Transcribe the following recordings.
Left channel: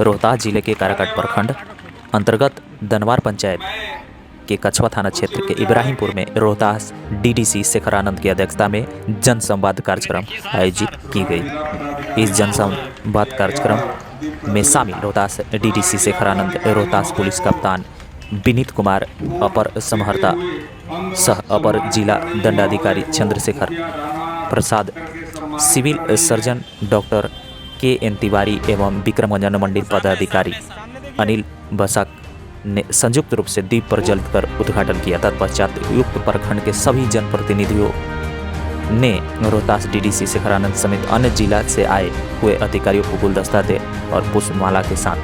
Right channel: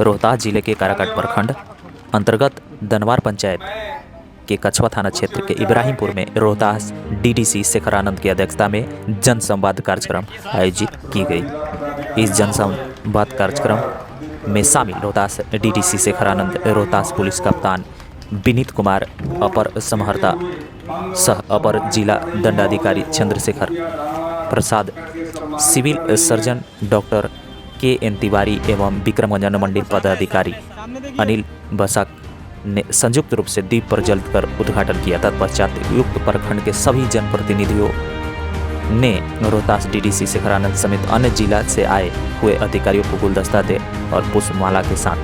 रोहतास जिले के काराकाट प्रखंड अंतर्गत दनवार पंचायत के कछवा थाना क्षेत्र के इब्राहिमपुर में रोहतास डीडीसी शेखर आनंद की अध्यक्षता में जन संवाद कार्यक्रम आयोजित की गई। इस जन संवाद कार्यक्रम में शामिल रोहतास डीडीसी शेखर आनंद, रोहतास पुलिस कप्तान विनीत कुमार, अपर समहर्ता सह अपर जिला दंडाधिकारी Chandrashekhar Prasad, civil surgeon doctor K N. Tiwari एवं विक्रमगंज मंडल पदाधिकारी अनिल बसाक ने संयुक्त रूप से दीप प्रज्वलित कर उद्घाटन किया। तत्पश्चात युक्त प्रखंड के सभी जनप्रतिनिधियों ने रोहतास डीडीसी शेखर आनंद समेत अन्य जिला से आए हुए अधिकारियों को गुलदस्ता दे और पुष्पमाला के साथ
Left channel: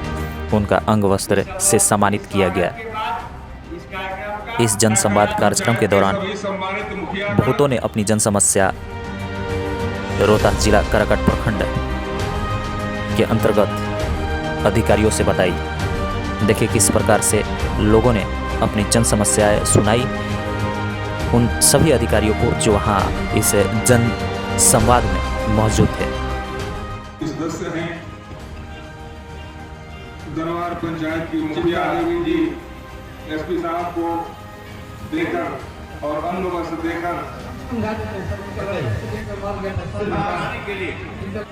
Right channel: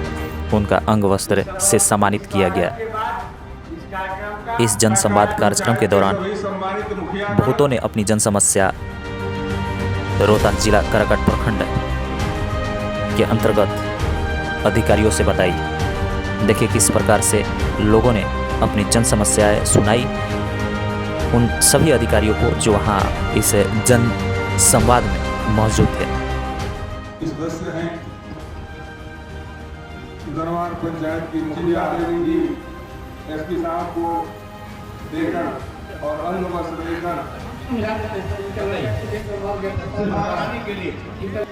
उनका अंग वस्त्र से सम्मानित किया गया। इस जन संवाद कार्यक्रम के दौरान बहुतों ने अपनी जन समस्या रोहतास जिला काराकाट प्रखंड के अंतर्गत अधिकारियों से बताई। देखिए किस प्रकार से लोगों ने अपनी जन समस्याएं सुनाई उन सभी अधिकारियों को जो वहाँ इस जन संवाद में मौजूद थे। सदस्य हैं दनवार पंचायत की मुखिया जी एसपी साहब को देकर और अन्य वस्त्र देकर के लिए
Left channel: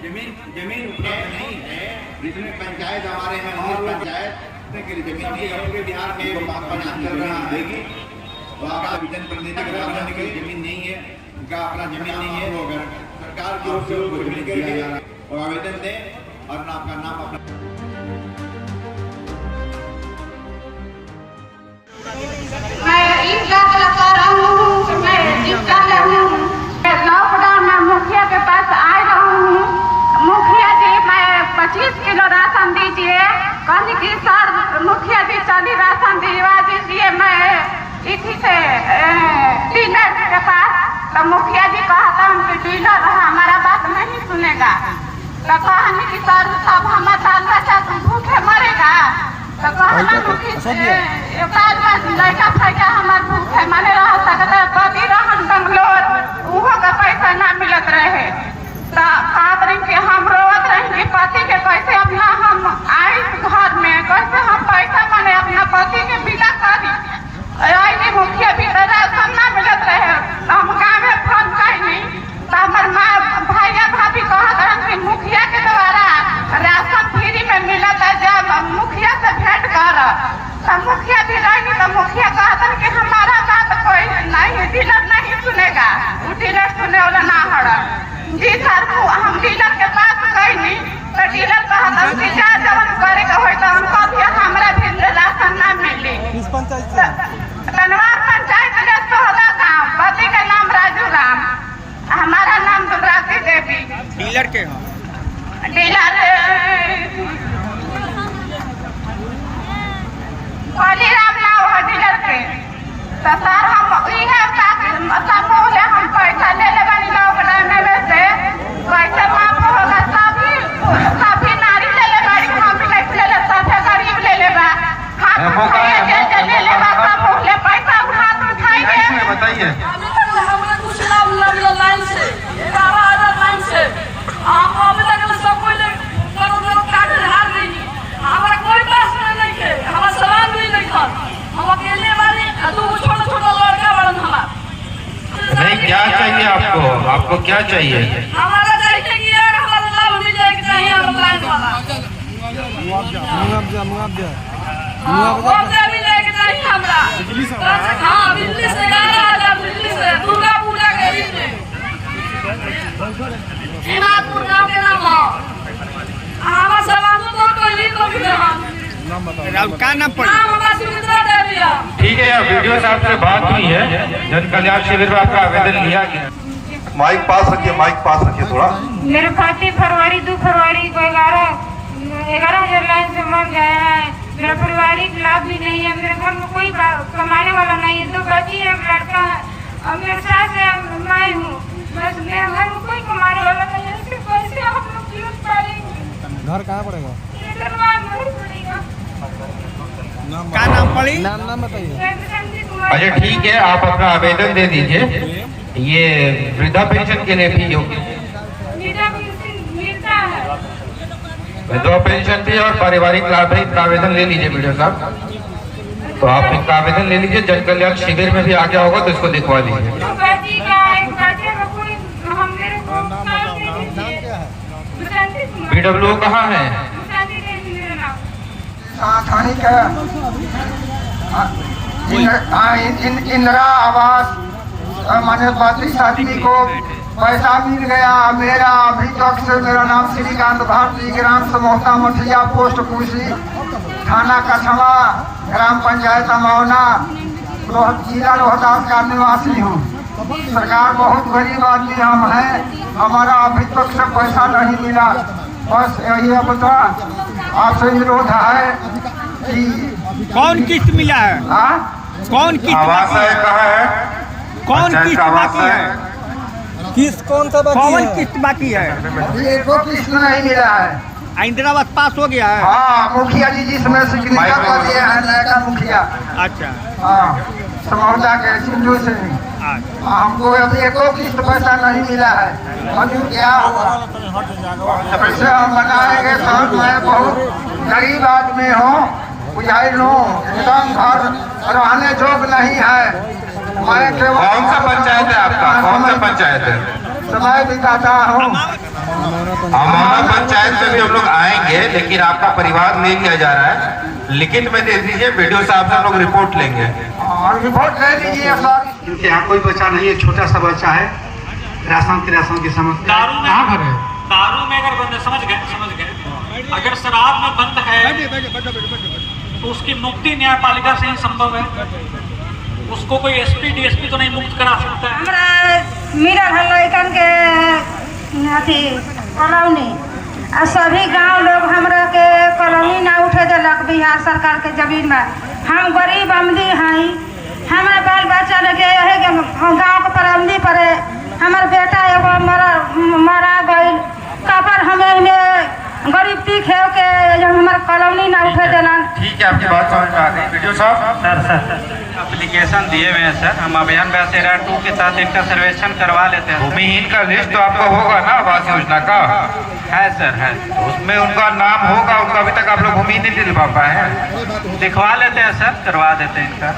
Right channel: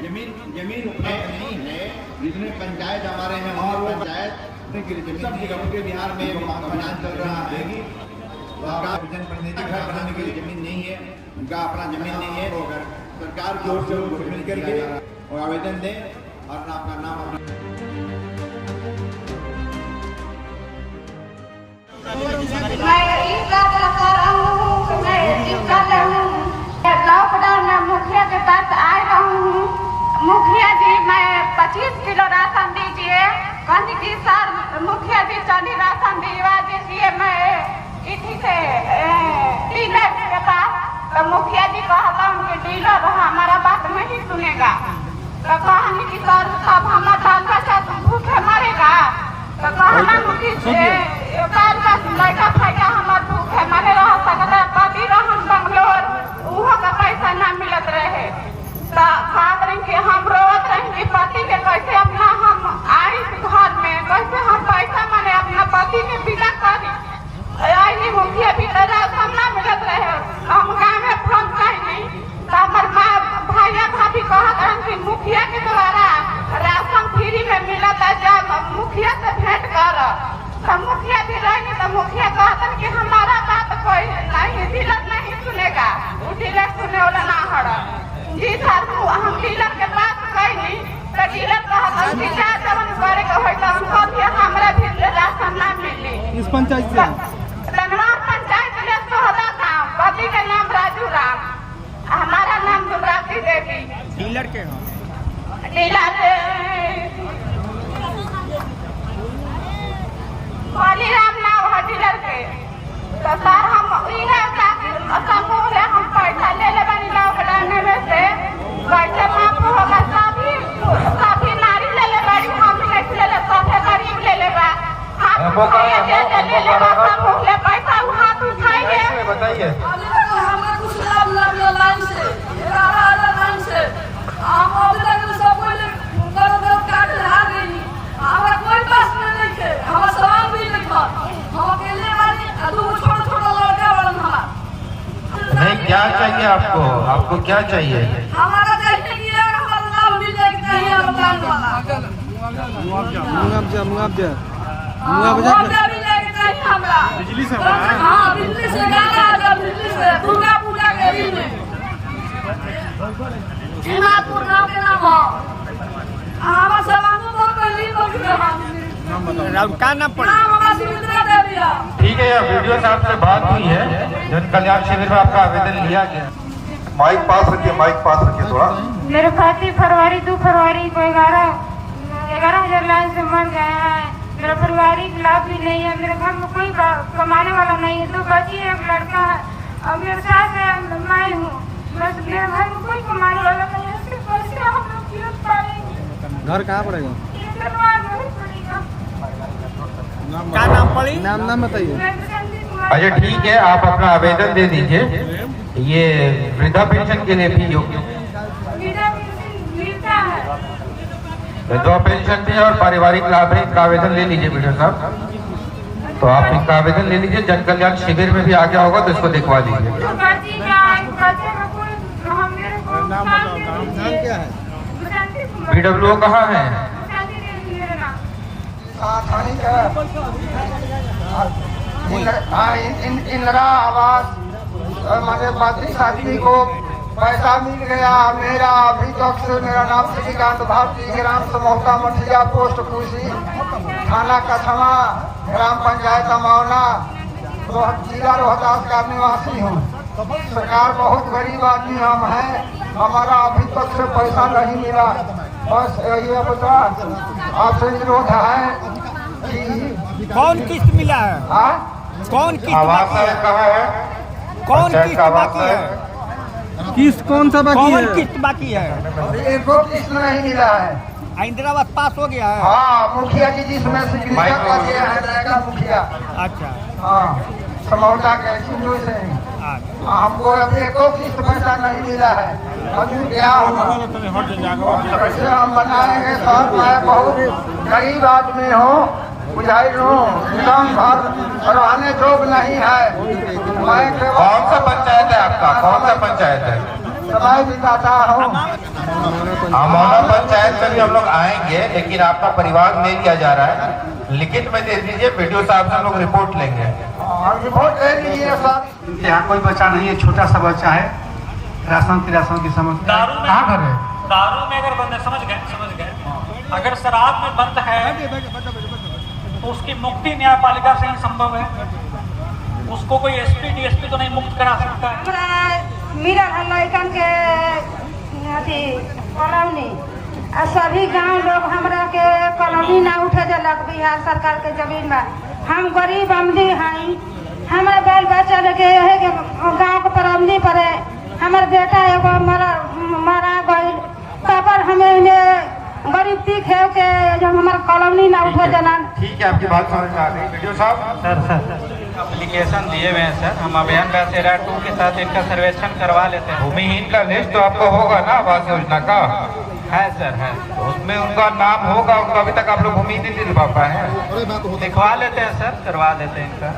जमीन नहीं है, जितने पंचायत हमारे हैं वहाँ पंचायत के लिए जमीन पूरे बिहार में अभियान चल रहा है। वहाँ जनप्रतिनिधि को बनाने के लिए जमीन नहीं है, उनका अपना जमीन नहीं है, वो सरकार की ओर से उनको जमीन करके वो आवेदन दें और आपका नाम लॉकडाउन में मुखिया के पास आई हूँ। मुखिया जी मैं 25 किलो राशन दीजिए, कहने की सर मुखिया जी चली राशन दिलवा दीजिए। मैं इसी से डीलर के पास, तो मुखिया जी कहता हूँ कि डीलर हमारा बात नहीं सुनेगा। तो कहने की सर सब हमारा बाल बच्चा भूखे मरेगा। तो कहना लड़का फैका हमारे भूखे मरे रह सकता, पति रहन बंगलोर उहो का पैसा ना मिलत रहे। तो खात रही कि हम रोवत रही कि पति के कैसे अपना हम आई घर में कैसे हम पैसा माने अपना पति के बिना करी। आई मुखिया भी राशन ना मिलत रहे, हम गाँव में फोन कही तो हमारे माँ भैया भाभी कहत रहे कि मुखिया के द्वारा राशन फ्री में मिलत है, जब मुखिया से भेंट कर। तो मुखिया भी रहेंगे तो मुखिया कहता कि हमारा बात कोई नहीं, डीलर नहीं सुनेगा, वो डीलर सुने वाला ना हड़ा। जी सर हम डीलर के बात कही नहीं तो डीलर कहता कि जा जवन करे के होई तो हम कभी हमरा भी राशन ना मिली। इस पंचायत से धनवार पंचायत में सोहदा गाँव, पति का नाम राजू राम, हमारा नाम दुर्गावती देवी। डीलर के डीलर राम नाम है डीलर के। तो सर हम समूह ले हम पैसा ले ले बनी लॉकडाउन में से पैसा माफ होगा। सभी नारी ले ले बड़ी, हम ले ले सभी गरीब ले ले बा, हाथ ले ले बा, समूह ले पैसा हाथ उठाएंगे। बताइए नहीं, क्या चाहिए आपको? आपको क्या चाहिए? हमारा चाहिए कि हमारा नाम भी लेके चाहिए, मुआवजा भी लेके चाहिए हमरा। हाँ बिजली से गाना, बिजली से दुर्गा पूजा के दिन में हिमापुर गाँव के नाम हो हमारा सवांगो तो पहली तो का नाम पड़ हमारा सुमित्रा देवी है। ठीक है, वीडियो साहब से बात हुई है, जन कल्याण शिविर में आपका आवेदन लिया गया। माइक पास रखिए, माइक पास रखिए थोड़ा। मेरे खाते फरवरी 2 फरवरी को 11,000 लाइन से मांग गया है। मेरा पारिवारिक लाभ भी नहीं है, मेरे घर में कोई कमाने वाला नहीं है, 2 बच्ची है, 1 लड़का है और मेरे सास है, मैं हूँ। बस मेरे घर में कोई कमाने वाला नहीं है, सिर्फ पैसे आप लोग यूज पालेंगे। घर कहाँ पड़ेगा? क्या नाम पड़ी? नाम बताइए। अच्छा ठीक है, आप अपना आवेदन दे दीजिए। ये वृद्धा पेंशन के लिए भी योग्य मिलता है। विधवा पेंशन भी और पारिवारिक लाभ है, इनका आवेदन ले लीजिए वीडियो साहब। तो आप इनका आवेदन ले लीजिए, जन कल्याण शिविर में भी आ गया होगा तो इसको दिखवा दीजिए। PWO कहाँ है? इंदिरा आवास मुझे 32 आदमी को पैसा मिल गया। मेरा अभी तक से मेरा नाम श्रीकांत भारती, ग्राम समोहता मुठिया, पोस्ट कुशी, थाना कछवा, ग्राम पंचायत अमौना, जिला रोहतास का निवासी हूँ। सरकार बहुत गरीब आदमी हम हैं, हमारा अभी तक से पैसा नहीं मिला। बस यही बता आपसे अनुरोध है कि कौन किस्त मिला है? हाँ? कौन किस्त आवास बाकी है, है? कहाँ है? कौन पंचायत किस्त का आवास बाकी है। है? किस्त कौन सा बाकी है? कौन किस्त बाकी है? अभी एक किस्त नहीं मिला है। इंदिरा आवास पास हो गया है? हाँ, मुखिया जी जिसमें सिग्नेचर कर दिए हैं, नया मुखिया। अच्छा। हाँ, समौदा के सिंधु से हमको अभी एक किस्त पैसा नहीं मिला है। अभी क्या होगा? पैसे हम बनाएंगे साहब, मैं बहुत गरीब आदमी हूँ, बुझाई लूँ, काम घर करवाने जोग नहीं है। मैं कौन सा पंचायत है आपका? कौन सा पंचायत है? समय दिखाता हूँ। अमौना पंचायत में भी हम लोग आएंगे, लेकिन आपका परिवार ले लिया जा रहा है। लिखित में दे दीजिए, वीडियो साहब से हम लोग रिपोर्ट लेंगे। रिपोर्ट ले लीजिए सर। यहाँ कोई बच्चा नहीं है, छोटा सा बच्चा है, राशन की समस्या। कहाँ पर है? दारू में अगर बंद है, समझ गए। अगर शराब में बंद है तो उसकी मुक्ति न्यायपालिका से ही संभव है। उसको कोई SP DSP तो नहीं मुक्त करा सकता है। हमरा मेरा लड़कन के अथी कॉलोनी सभी गांव लोग हमरा के कॉलोनी ना उठे देलक बिहार सरकार के जमीन में। हम गरीब आदमी हैं, हमारे बाल बच्चा लगे है कि गाँव के परमदी पड़े। हमारे बेटा एगो मरा गई, कबर हमें गरीब तीख है के जब हमारे कॉलोनी ना उठे देना। ठीक है, आपकी बात समझ में आ गई। वीडियो साहब सर एप्लीकेशन दिए हुए हैं सर, हम अभियान बेसेरा 2 के साथ इनका सर्वेक्षण करवा लेते हैं। भूमिहीन का लिस्ट तो आपका होगा ना आवास योजना का? है सर, है। उसमें उनका नाम होगा, उनका अभी तक आप लोग भूमिहीन नहीं दिलवा पाए हैं। दिखवा लेते हैं सर, करवा देते हैं इनका।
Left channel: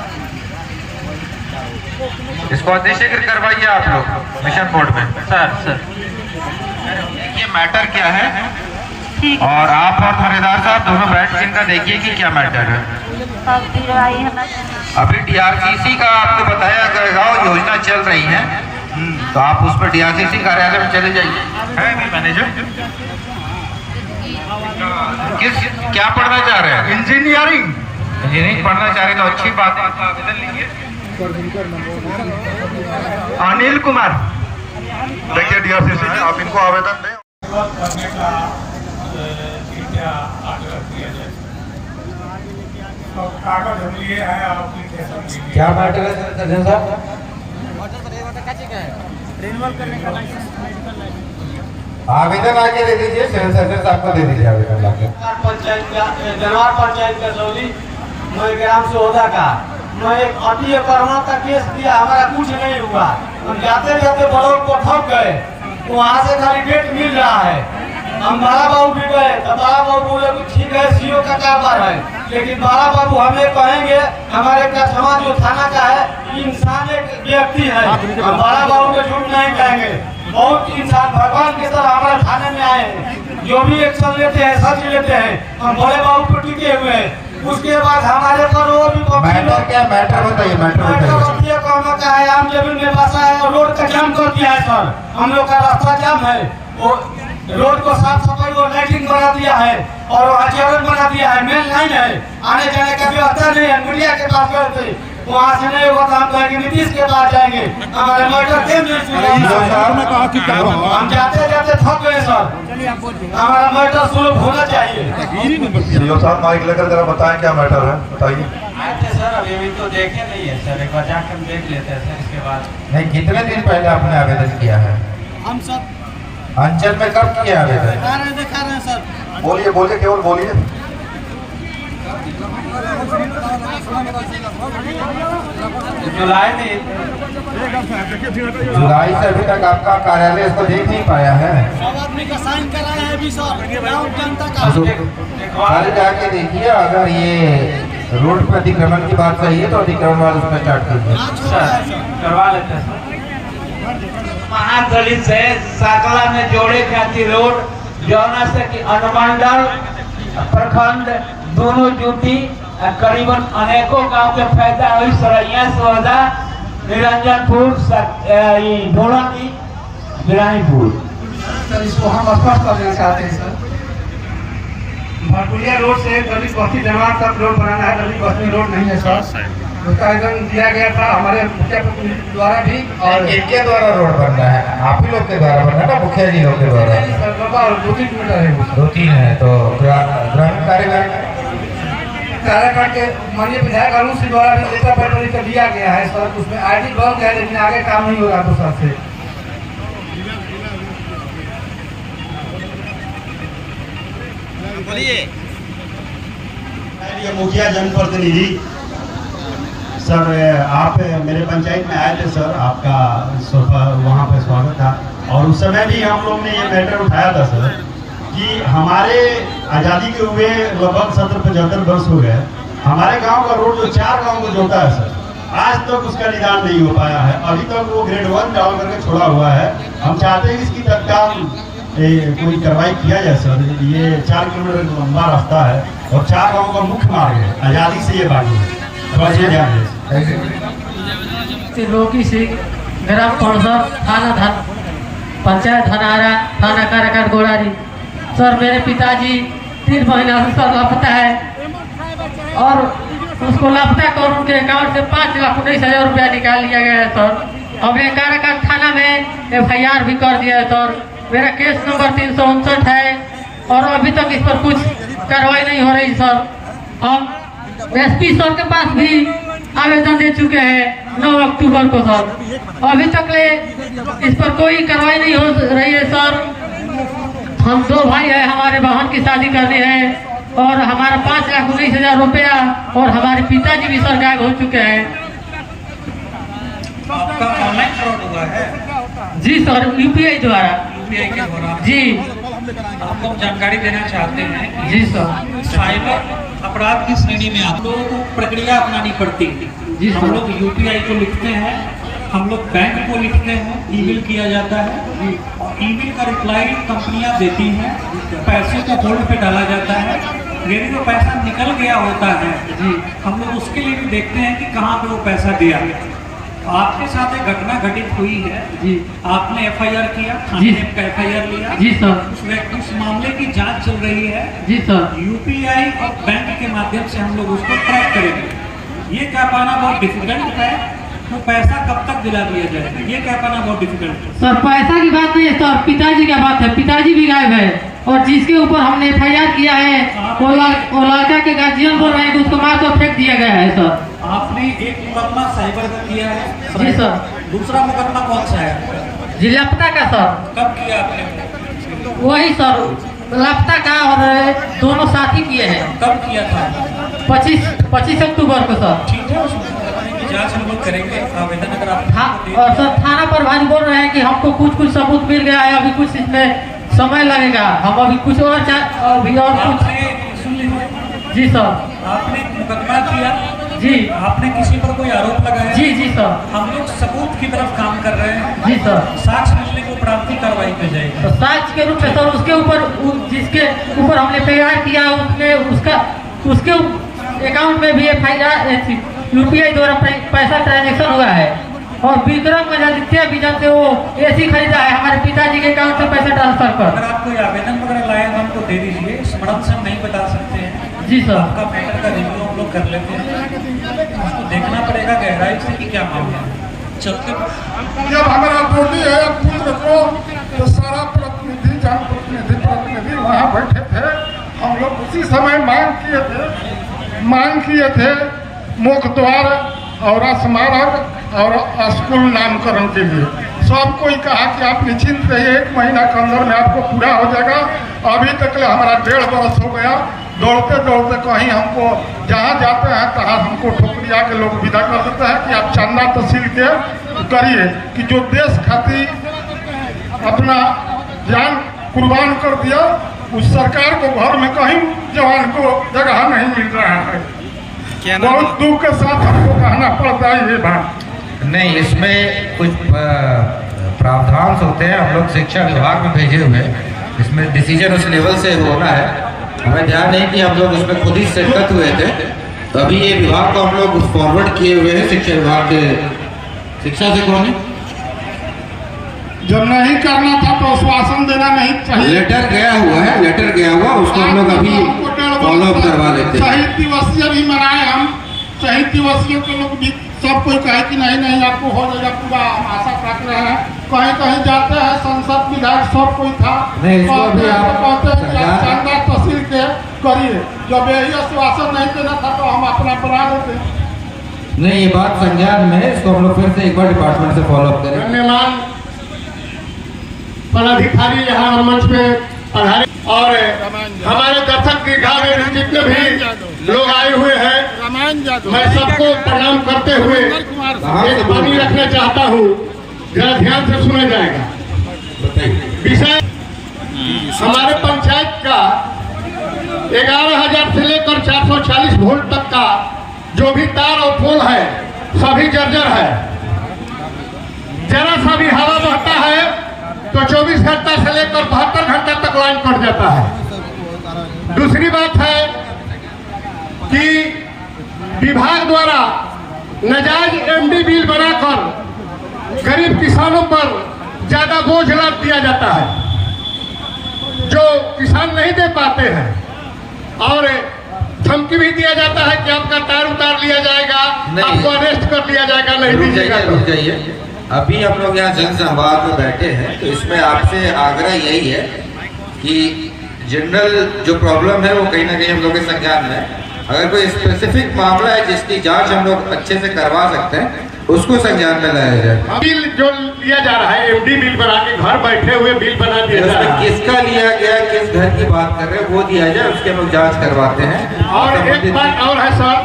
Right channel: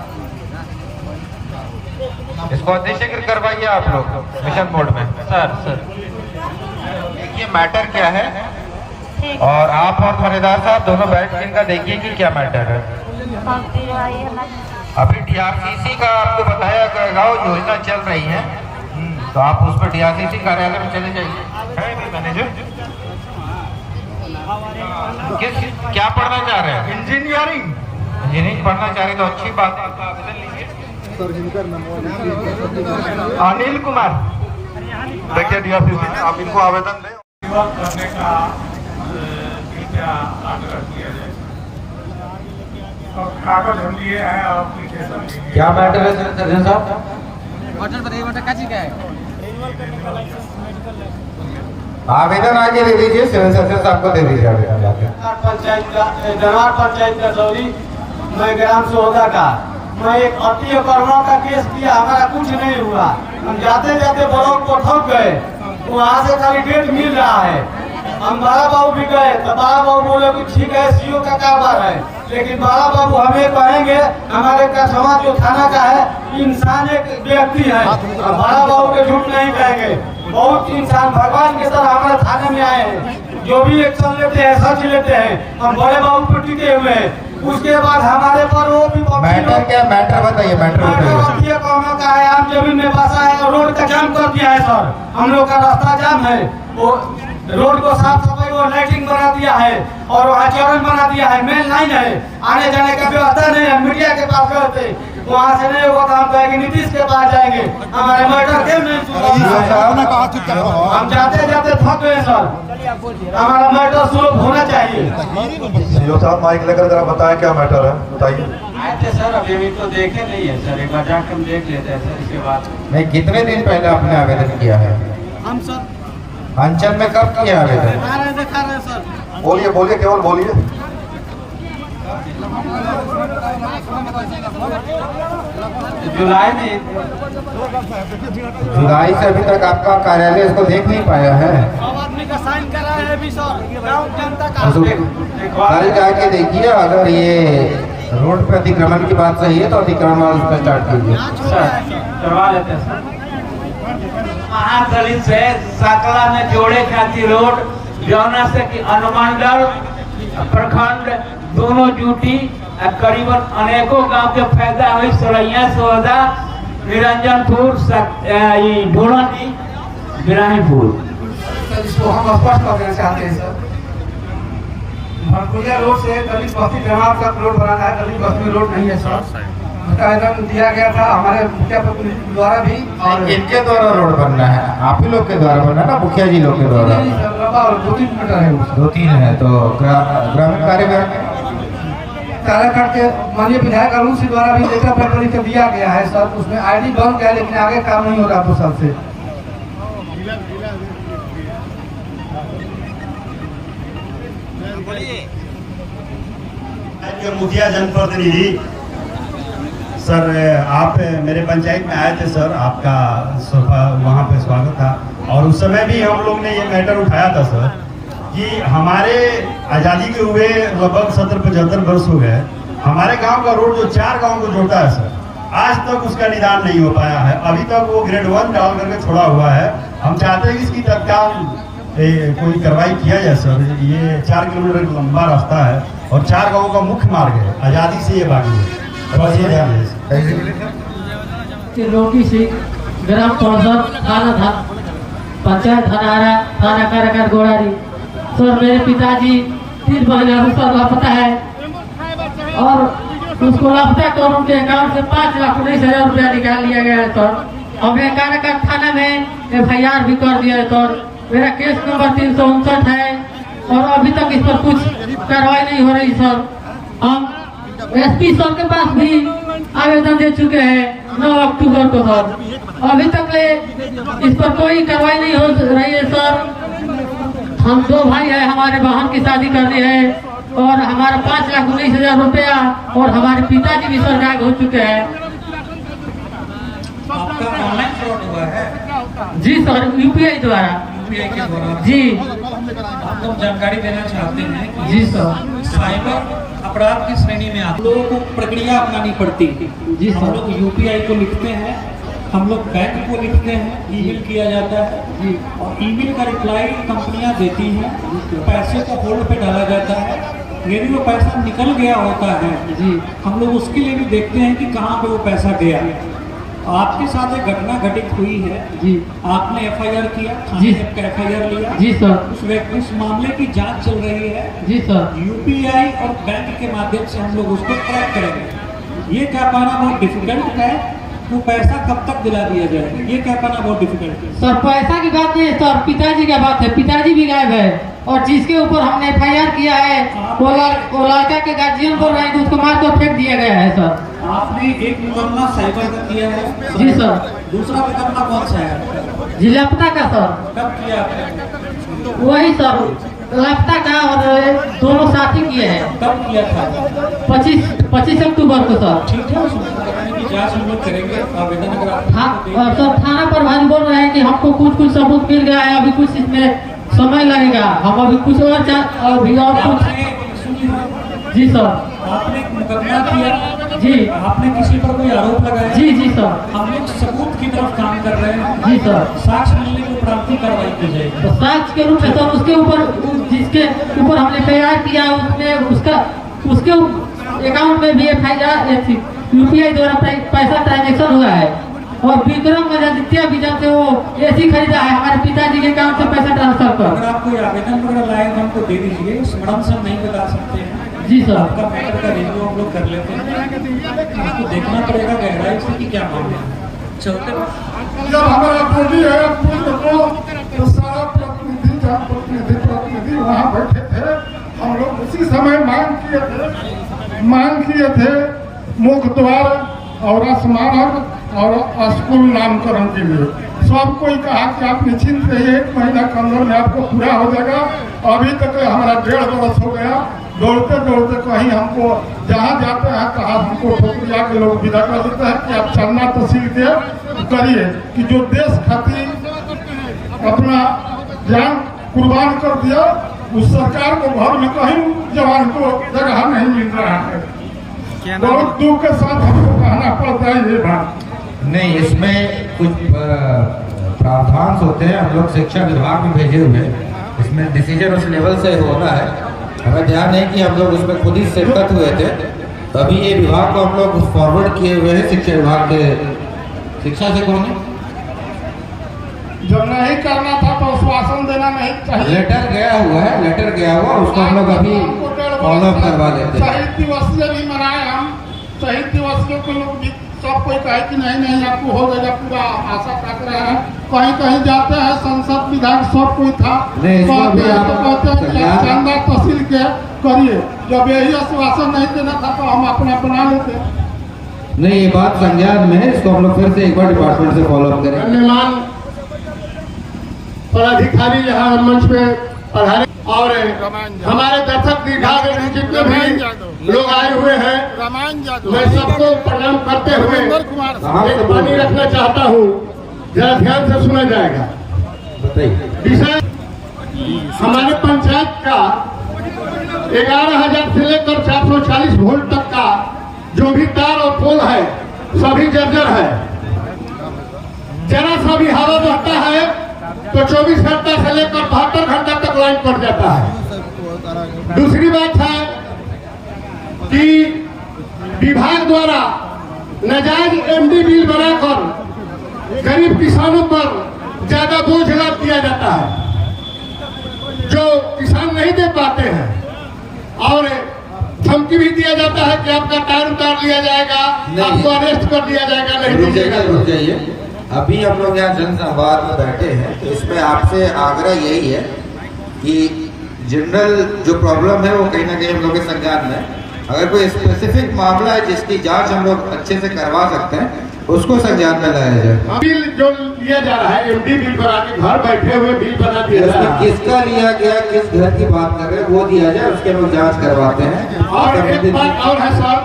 इसको अतिशीघ्र करवाइए आप लोग मिशन मोड में। सर ये मैटर क्या है, और आप और थानेदार साहब दोनों बैठ के इनका देखिए कि क्या मैटर है। अभी DRCC का आपको बताया गया योजना चल रही है, तो आप उस पर DRCC कार्यालय में चले जाइए। है भी मैनेजर क्या पढ़ना चाह रहे हैं? इंजीनियरिंग पढ़ना चाह रहे तो अच्छी बात है, आपका आवेदन लीजिए। अनिल कुमार, देखिए DRCC आप इनको आवेदन दें। करने का कृपया आग्रह किया जाए। अब कागज हम लिए हैं, एप्लीकेशन लिए। क्या मैटर है सर साहब? आवेदन आगे दे दीजिए, सिविल सर्जन साहब को दे दीजिए आवेदन जाके। पंचायत का सॉरी, मैं ग्राम सौदा का मैं एक अति कोरोना का केस दिया, हमारा कुछ नहीं हुआ। हम जाते जाते ब्लॉक को ठग गए, वहाँ से खाली डेट मिल रहा है। हम बड़ा बाबू भी गए तो बड़ा बाबू बोले कि ठीक है CO का कारोबार है, लेकिन बड़ा बाबू हमें कहेंगे हमारे कछवा जो थाना का है इंसान एक व्यक्ति है, और बड़ा बाबू के झूठ नहीं कहेंगे। बहुत इंसान भगवान के तरह हमारे थाने में आए हैं, जो भी एक्शन लेते हैं सच लेते हैं। हम बड़े बाबू पे टिके हुए हैं। उसके बाद हमारे पर वो भी मैटर क्या, मैटर बताइए, मैटर बताइए। का है, आम जमीन में बसा है और रोड का जाम कर दिया है सर। हम लोग का रास्ता जाम है, वो रोड को साफ सफाई और लाइटिंग बना दिया है, और वहाँ चौकन बना दिया है। मेन लाइन है, आने जाने का व्यवस्था नहीं है। मीडिया के पास गए थे, वहाँ से नहीं होगा तो हम कहेंगे नीतीश के पास जाएंगे। हमारे मैटर क्यों नहीं सुन रहे? हम जाते जाते थक गए सर, हमारा मैटर सुलभ होना चाहिए। CO साहब माइक लेकर जरा बताएं क्या मैटर है, बताइए। सर अभी तो देखे नहीं है सर, एक बार जाकर हम देख लेते हैं सर, इसके बाद। नहीं, कितने दिन पहले आपने आवेदन किया है? हम सब अंचल में कब किया आवेदन? दिखा रहे हैं सर। बोलिए बोलिए, केवल बोलिए। जुलाई से अभी तक आपका कार्यालय इसको देख नहीं पाया है। सब आदमी का साइन कराए हैं अभी सर, गाँव जनता का। सारे जाके देखिए, अगर ये रोड पे अतिक्रमण की बात सही है तो अतिक्रमण उसका स्टार्ट कीजिए। करवा लेते हैं। महादलित से साकला में जोड़े खातिर रोड जौना से कि अनुमंडल प्रखंड दोनों ड्यूटी करीबन अनेकों गांव के फायदा हुई। सरैया सोदा निरंजनपुर ढोलानी बिरानीपुर। इसको हम स्पष्ट करना चाहते हैं सर। भरपुरिया रोड से दलित बस्ती जमात तक रोड बनाना है, दलित बस्ती रोड नहीं है सर। उसका आवेदन दिया गया था हमारे मुखिया द्वारा भी। और इनके द्वारा रोड बनना है, आप ही लोग के द्वारा बनना है ना, मुखिया जी लोग के द्वारा? 2-3 मीटर है। 2-3 है तो ग्रामीण कार्यालय काराकाट के माननीय विधायक अरुण सिंह द्वारा भी लेटर पेपर लिख दिया गया है सर। उसमें आईडी बन गया है लेकिन आगे काम नहीं हो रहा 2 साल से। मुखिया जनप्रतिनिधि सर, आप मेरे पंचायत में आए थे सर, आपका वहाँ पे स्वागत था। और उस समय भी हम लोग ने ये मैटर उठाया था सर कि हमारे आज़ादी के हुए लगभग 70-75 वर्ष हो गए। हमारे गांव का रोड जो 4 गांव को जोड़ता है सर, आज तक उसका निदान नहीं हो पाया है। अभी तक वो ग्रेड 1 डाल करके छोड़ा हुआ है। हम चाहते हैं कि इसकी तत्काल कोई कार्रवाई किया जाए सर। ये 4 किलोमीटर लंबा रास्ता है और 4 गाँव का मुख्य मार्ग है, आज़ादी से ये बाकी है। त्रिलोकी सिंह, ग्राम परिषद, थाना पंचायत धनारा, थाना काराकाट गोड़ारी। सर मेरे पिताजी 3 महीना से सर लापता है और उसको लापता कर उनके अकाउंट से 5,19,000 रुपया निकाल लिया गया है सर। अब ये काराकाट थाना में FIR भी कर दिया है सर। मेरा केस नंबर 359 है और अभी तक इस पर कुछ कार्रवाई नहीं हो रही सर। हम SP सर के पास भी आवेदन दे चुके हैं 9 अक्टूबर को सर। अभी तक ले इस पर कोई कार्रवाई नहीं हो रही है सर। हम 2 भाई हैं, हमारे बहन की शादी करनी है और हमारा 5,19,000 रुपया और हमारे पिताजी भी सर गायब हो चुके हैं। आपका ऑनलाइन फ्रॉड हुआ है? जी सर, UPI द्वारा। UPI के द्वारा जी। आपको हम जानकारी देना चाहते हैं। जी सर। साइबर अपराध की श्रेणी में आप लोगों को प्रक्रिया अपनानी पड़ती है। जी सर। हम लोग UPI को लिखते हैं, हम लोग बैंक को लिखते हैं, ईमेल किया जाता है और ईमेल का रिप्लाई कंपनियां देती हैं, पैसे को होल्ड पे डाला जाता है। यदि वो पैसा निकल गया होता है जी, हम लोग उसके लिए भी देखते हैं कि कहाँ पे वो पैसा गया। आपके साथ एक घटना घटित हुई है जी, आपने FIR किया जी, का FIR लिया जी सर। उस मामले की जांच चल रही है जी सर। UPI और बैंक के माध्यम से हम लोग उसको ट्रैक करेंगे। ये कर पाना बहुत डिफिकल्ट है, तो पैसा कब तक दिला दिया जाएगा ये कह पाना बहुत डिफिकल्ट है सर। पैसा की बात नहीं है सर, पिताजी का बात है। पिताजी भी गायब है और जिसके ऊपर हमने FIR किया है वो लड़का के गार्जियन बोल रहे हैं कि उसको मार कर फेंक दिया गया है सर। आपने एक मुकदमा साइबर का किया है जी सर। दूसरा मुकदमा कौन सा है? जी लापता का सर। कब किया आपने? वही सर, लापता का और दोनों साथ ही किए हैं। कब किया था? 25 अक्टूबर को सर। ठीक है, जांच हम लोग करेंगे। आवेदन अगर आप और सर थाना प्रभारी बोल रहे हैं कि हमको कुछ सबूत मिल गया है, अभी कुछ इसमें समय लगेगा। हम अभी कुछ और कुछ जी सर। आपने मुकदमा किया जी, आपने किसी पर कोई आरोप लगाया जी जी सर। हम लोग सबूत की तरफ काम कर रहे हैं जी सर। साक्ष्य मिलने के उपरांत ही कार्रवाई की जाएगी। तो साक्ष्य के रूप में सर उसके ऊपर जिसके ऊपर हमने FIR किया उसमें उसके अकाउंट में भी UPI द्वारा पैसा ट्रांजेक्शन हुआ है और विक्रम आदित्य विजन से वो AC खरीदा है हमारे पिताजी के अकाउंट से पैसा ट्रांसफर कर। अगर आप कोई आवेदन वगैरह लाए तो हमको दे दीजिए, स्मरण से हम नहीं बता सकते हैं जी सर। आपका मैटर का रिव्यू हम लोग कर लेते हैं, आपको देखना पड़ेगा गहराई से कि क्या मामला है। चलते जब हमारा बोली है पुत्र को तो सारा प्रतिनिधि वहाँ बैठे थे। हम लोग उसी समय मांग किए थे मुख द्वार और स्मारक और स्कूल नामकरण के लिए। सब कोई कहा कि आप निश्चिंत रहिए, 1 महीना के अंदर में आपको पूरा हो जाएगा। अभी तक हमारा 1.5 बरस हो गया, दौड़ते दौड़ते कहीं हमको जहाँ जाते हैं तहाँ हमको ठोकरिया के लोग विदा कर देते हैं कि आप चंदा तहसील के करिए कि जो देश खातिर अपना जान कुर्बान कर दिया, उस सरकार को घर में कहीं जवान को जगह नहीं मिल रहा है। बहुत दुख के साथ हमको कहना पड़ता है ये बात। नहीं, इसमें कुछ प्रावधान होते हैं, हम लोग शिक्षा विभाग में भेजे हुए हैं, इसमें डिसीजन उस लेवल से होना है। हमें ध्यान नहीं कि हम लोग उसमें खुद ही शिरकत हुए थे, तो अभी ये विभाग को हम लोग फॉरवर्ड किए हुए हैं शिक्षा विभाग के। शिक्षा से कौन है? जब नहीं करना था तो आश्वासन देना नहीं चाहिए। लेटर गया हुआ है, लेटर गया हुआ, उसको हम लोग अभी फॉलो अप करवा लेते हैं। शहीद दिवसीय भी मनाए हम, शहीद दिवसीय के लोग भी सब कोई कहे कि नहीं आपको हो जाएगा, पूरा आशा काट रहे हैं। कहीं कहीं जाते हैं, संसद विधायक सब कोई था, कहते हैं चंदा तहसील के करिए। जब यही आश्वासन नहीं देना था तो हम अपना बना लेते। नहीं, ये बात संज्ञान में है, इसको हम लोग फिर से एक बार डिपार्टमेंट से फॉलो अप करें। धन्यवाद पदाधिकारी यहाँ मंच पे पधारे और हमारे दर्शक दीर्घावधि जितने भी लोग आए हुए हैं, मैं सबको प्रणाम करते हुए एक बानी रखना चाहता हूँ, जरा ध्यान से सुना जाएगा। विषय हमारे पंचायत का 11,000 से लेकर 440 वोल्ट तक का जो भी तार और पोल है सभी जर्जर है। जरा सा भी हवा बहता है तो 24 घंटा से लेकर 72 घंटा तक लाइन कट जाता है। दूसरी बात है कि विभाग द्वारा नाजायज एमडी बिल बनाकर गरीब किसानों पर ज्यादा बोझ लाद दिया जाता है, जो किसान नहीं दे पाते हैं, और धमकी भी दिया जाता है कि आपका तार उतार लिया जाएगा, आपको अरेस्ट कर लिया जाएगा, नहीं दीजिएगा। रुक जाइए, अभी हम लोग यहाँ जन संवाद में बैठे हैं, तो इसमें आपसे आग्रह यही है कि जनरल जो प्रॉब्लम है वो कहीं ना कहीं हम लोग के संज्ञान में है। अगर कोई स्पेसिफिक मामला है जिसकी जांच हम लोग अच्छे से करवा सकते हैं, उसको संज्ञान में लाया जाए। बिल जो लिया जा रहा है, एमडी बिल बना के घर बैठे हुए बिल बना दिया जा रहा है, किसका लिया गया, किस घर की बात कर रहे हैं, वो दिया जाए, उसकी हम लोग जाँच करवाते हैं। और एक बात और है सर